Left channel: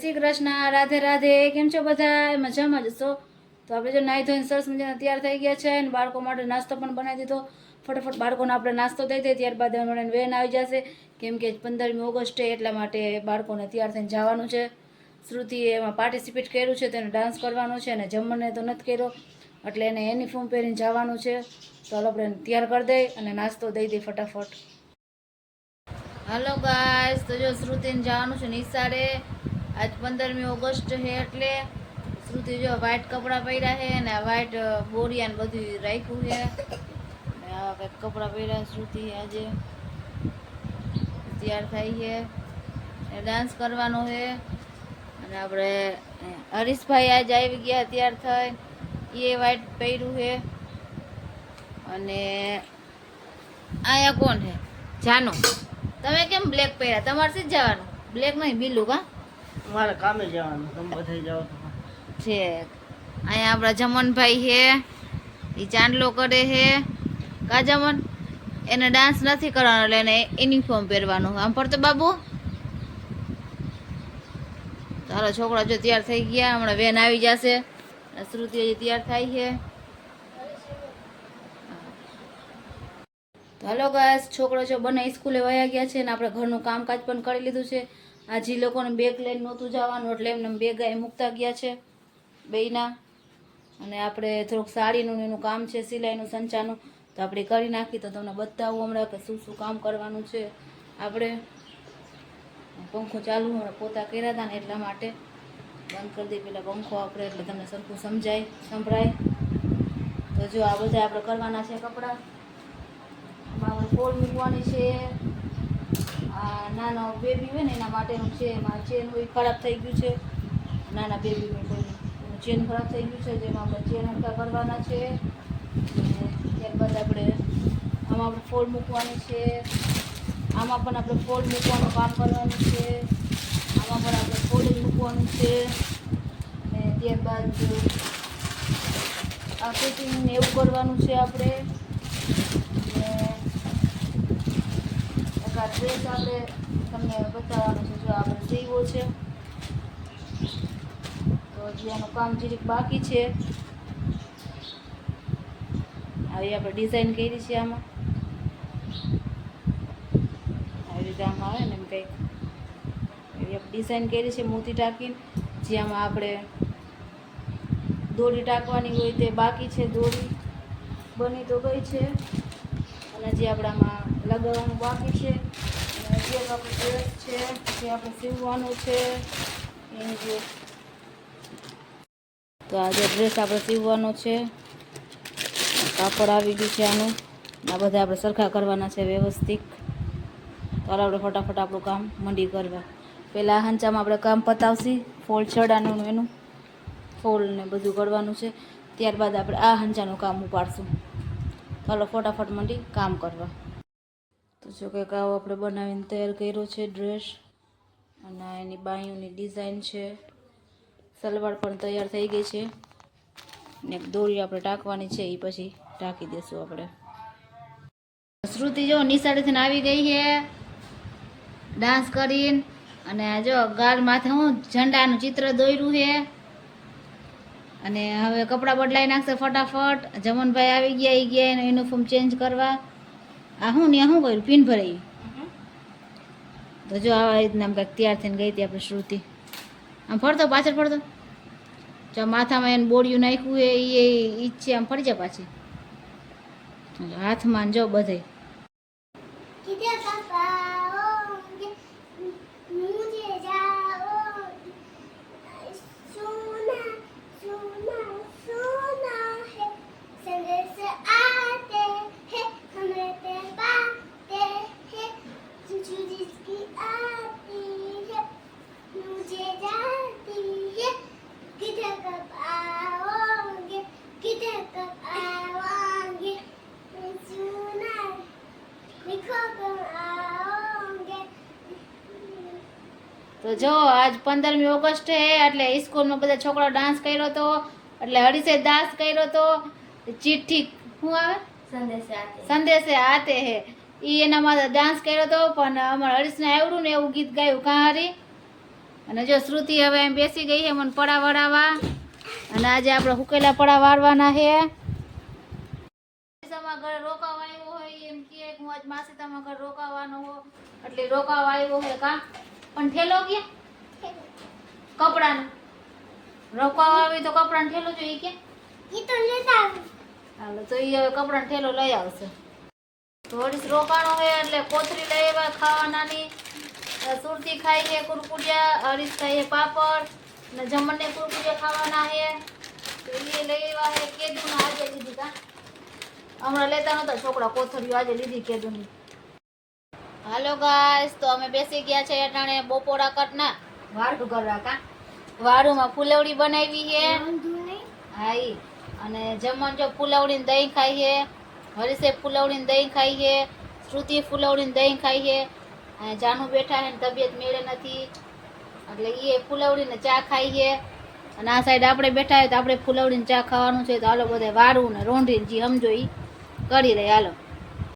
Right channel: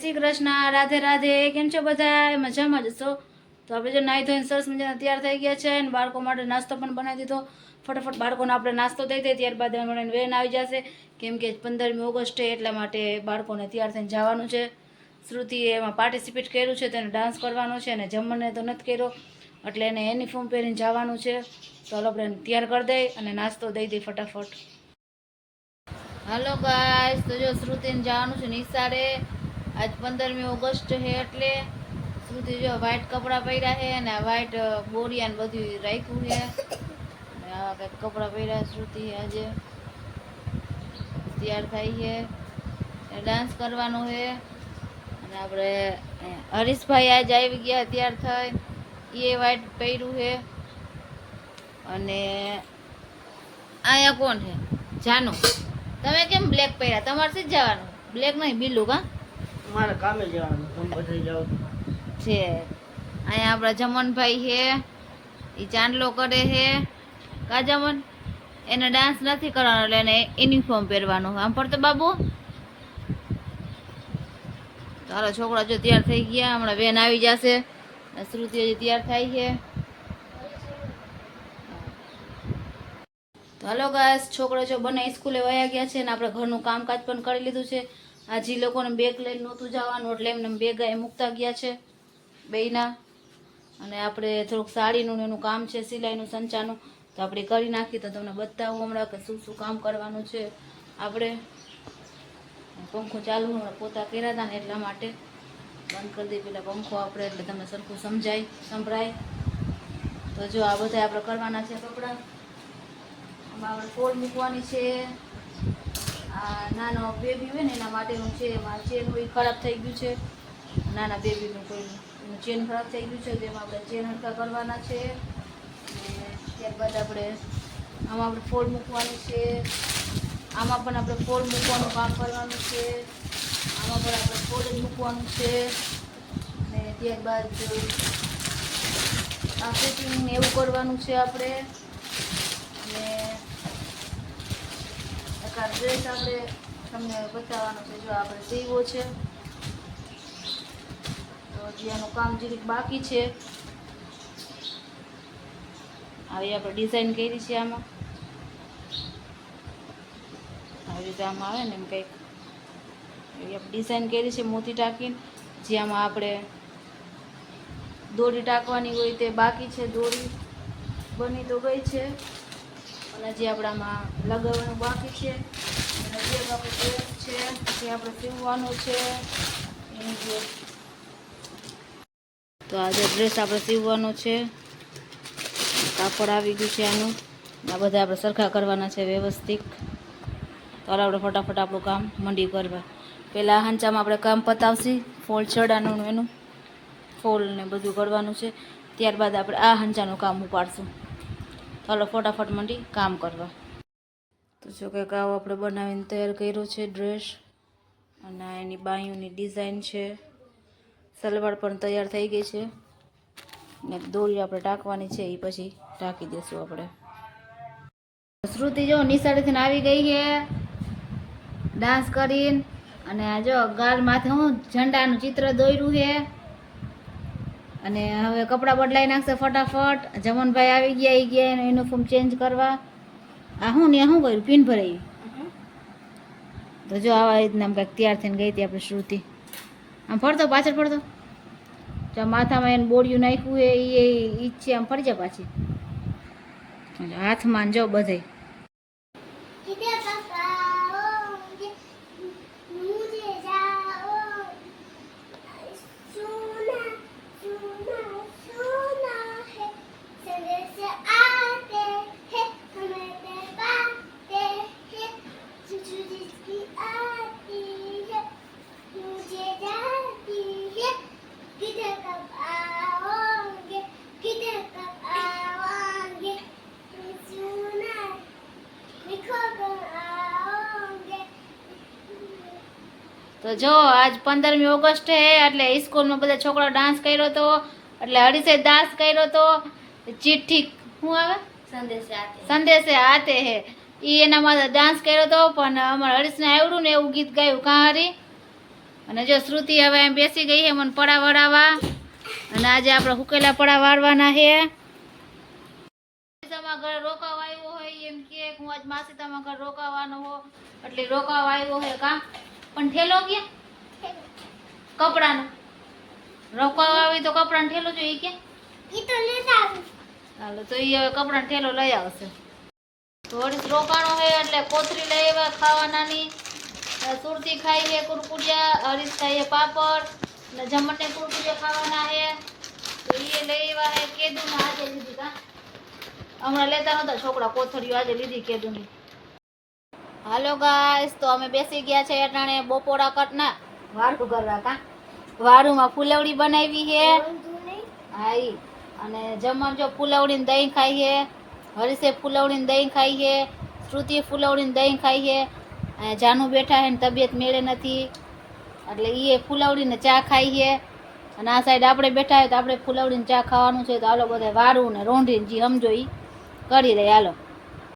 શ્રી કૃષ્ણ, રાધે રાધે, કેમ છો બધા મજામાં જ છો તો આપણે જો નાહી ધોઈને સરસ મજાના તૈયાર થઈ ગયા છે અને બાળકો માટે નાસ્તો પણ બનાવી દીધો. ફટાફટ બાળકોને આપણે નાસ્તો દઈ દઈએ, ત્યારબાદ મને વેન આવી જશે. કેમ કે પંદરમી ઓગસ્ટે એટલા માટે બાળકોને તૈયાર થઈને જવાનું છે. શ્રુતિએ એમાં પાર્ટિસિપેટ કર્યું છે, તેને ડાન્સ કરવાનો છે અને જમણને તો નથી કર્યો. એટલે એને યુનિફોર્મ પહેરીને જવાનું છે. તો ચાલો આપણે તૈયાર કરી દઈએ અને નાસ્તો દઈ દઈએ ફટાફટ. હાલો ગાય તો જો શ્રુતિને જવાનું છે નિશાળે. આજ પંદરમી ઓગસ્ટ છે એટલે શ્રુતિ જો વ્હાઈટ કપડાં પહેર્યા છે અને વ્હાઈટ બોરિયા ને બધું રાખ્યું છે. આવા કંઈક કપડાં પહેર્યા શ્રુતિ આજે. તૈયાર થાય છે. ડાન્સ કરવાનો છે. અને આપણે હરીશભાઈ આજે આવી ગયા તૈયાર થઈ એ વ્હાઈટ પહેર્યું છે. અને અહીંયા કોણ છે? જાનો. તમે કેમ બ્લેક પહેર્યા? તમારે સીધ જવાનું? બ્લેક નહીં, બીલું કા? મારે છે. અહીંયા આપણા જમનભાઈ હે એ ચાંદલો કરે હે કા એને ડાન્સ નથી કરવાનો એટલે યુનિફોર્મ પહેરવાનું આમ પડતો બાબુ? તો છોકરા જો તૈયાર થઈ ગયા, હમણાં વેન આવી જશે. શ્રુતિ તૈયાર થાય છે. તો હાલો ગાઈસ છોકરો જો બંને સ્કૂલે વયા ગયા છે અને આપણે ઘરનું કામકાજ પણ કરી લીધું છે. આજે ઈ લોકોને બેગ લઈને નહોતું જવાનું, એટલે એમને બેગ એ મૂકતા ગયા છે, બેયના. અને આપણે થોડુંક સાડીનું એનું કામ છે, સિલાઈનું, સંચાનું. તો આપણે કરી નાખી તો તમને બતાવું હમણાં કે શું શું કામ કરવાનું છે આપણે. પંખો ચાલુ હમણાં પોતા કર્યા હતા ને એટલા માટે. બંધ કરી દઈએ પેલા પંખો આપણે, એટલે તમને સરખું સમજાય, સંભળાય. તો જો આ બધા આપણે કરવાના છે કપડાં. આમાં આપણે ફોડ મૂકવાની છે. નાનો બેબી હોય ને, એના માટેનું છે એમાં ચેન હોય ખરાબ થઈ ગયું છે. નાના બેબીનું કોઈ ચેન ખરાબ થઈ ગયું છે, જેમાં આપણે ચેન હલકા કરવાના છે. ત્યારબાદ આપણે આમાં આપણે ફોલ મૂકવાની છે. આમાં પણ આપણે ફોલ મૂકવાનું કામ કરવાનું છે. આમાં પણ આપણે ફોલ જ મૂકવાનું છે. અને ત્યારબાદ આ ફિટિંગ એવું કરવાનું છે આપણે અને એકાદ ડ્રેસ આપણે તમને બતાવવાનો છે, જો આપણે સીવો છે, તો હજી આનું કામ જીરીક બાકી છે. આવી આપણે ડિઝાઇન કરી છે આમાં. આવી રીતે આમાં આવે ને એમ કંઈક. એવી આપણે ડિઝાઇન કરી છે મોતી ટાંકીને જે આમાં આપણે દોરી ટાંકવાની હોય તે બાકી છે. દોરી બની તો ગઈ છે. અને જે આપણામાં લગાવવાનું બાકી છે, અને ડ્રેસ છે જે આપણે સીવવાનું છે, એની જે તો આ જે ડ્રેસ આપણે સીવવાનો છે, કાપડ આવી ગયું છે આનું આ બધા આપણે સરખા કરવાના છે વ્યવસ્થિત. તો આપણે ફટાફટ આપણું કામ મંડી કરવા. પહેલાં હાંચામાં આપણે કામ પતાવશી, ફોલ ચડાનું એનું, ફોલ ને બધું કરવાનું છે. ત્યારબાદ આપણે આ હંચાનું કામ ઉપાડશું. હાલો, ફટાફટ મંડી, કામ કરવા. તો જો કંઈક આવો આપણે બનાવીને તૈયાર કર્યો છે ડ્રેસ, અને એની બાંયુની ડિઝાઇન છે. સલવાર પણ તૈયાર થઈ ગઈ છે. ને દોરી આપણે ટાંકવાની છે એ પછી ટાંકી દઈશું આપણે. શ્રુતિ જો નિશાળેથી આવી ગઈ છે. ડાન્સ કરીને, અને જો ગાલ માથે હું ઝંડાનું ચિત્ર દોર્યું છે. અને હવે કપડાં બદલાઈ નાખશે ફટાફટ. જમનભાઈ આવી ગયા એ ગયા એનો યુનિફોર્મ ચેન્જ કરવા. આ હું ને શું કર્યું? પિન ભરાઈ. તો જો આવા રીતના આમ કંઈક તૈયાર થઈને ગઈ હતી આપણે શ્રુતિ. આમ ફરતો પાછળ ફરતો? જો માથામાં એને બોડિયું નાખ્યું એ એ ઈચ્છે આમ ફરી જાય પાછી. હાથમાં જો બધે તો જો આજ પંદરમી ઓગસ્ટ હે એટલે સ્કૂલમાં બધા છોકરા ડાન્સ કર્યો હતો એટલે હરીશે દાસ કર્યો હતો ચિઠ્ઠી શું આવે? સંદેશે આતે. હે. એ એનામાં ડાન્સ કર્યો હતો પણ અમારા હરીશને આવડ્યું ને એવું ગીત ગાયું કાં કાંહરી અને જો શ્રુતિ હવે એમ બેસી ગઈ છે મને પડા વડાવા. અને આજે આપણે હુકેલા પડા વાળવાના છે તમારા ઘરે રોકાવા આવ્યો હોય એમ કે હું આજ માસી તમારા ઘરે રોકાવાનો હો. એટલે રોકાવા આવ્યો હોય કાં? પણ ઠેલો ક્યાં? કપડાનો. રોકાવા આવી તો કપડાનો ઠેલો જોઈએ કે ઈ તો લેતા આવું. હાલો તો એ હવે કપડાનો ઠેલો લઈ આવશે. થોડીક રોકાણો હોય એટલે કોથરી લઈ આવ્યા ખાવાનાની. સુરતી ખાઈ છે કુરકુરિયા હરીશ ખાઈએ પાપડ ને જમણને કુરકુરિયા ખાવાના છે તો એ લઈ આવ્યા હે કેદું આજે લીધી કા હમણાં લેતા નતા છોકરા કોથળીઓ આજે લીધી કેદુની. હાલો ગાઈસ તો અમે બેસી ગયા છે અટાણે બપોરા કટના. વાડું કરવા કા? વાડુમાં ફુલવડી બનાવી છે. હાઈ અને જમણ જો ફુલવડીને દહીં ખાઈએ હરીશે ફુલવડીને દહીં ખાઈએ શ્રુતિ ફુલવડીને દહીં ખાઈએ અને જાનુ બેઠા છે ને તબિયત મેળે નથી એટલે એ ફુલવડીને ચા ખાઈએ અને આ સાઈડ આપણે બેઠા હોય તો આપણે ફુલવડીને ચા ખાવાનું છે તો હાલો બધા વારું ને રોંઢીને જે સમજો એ કરી લઈએ હાલો.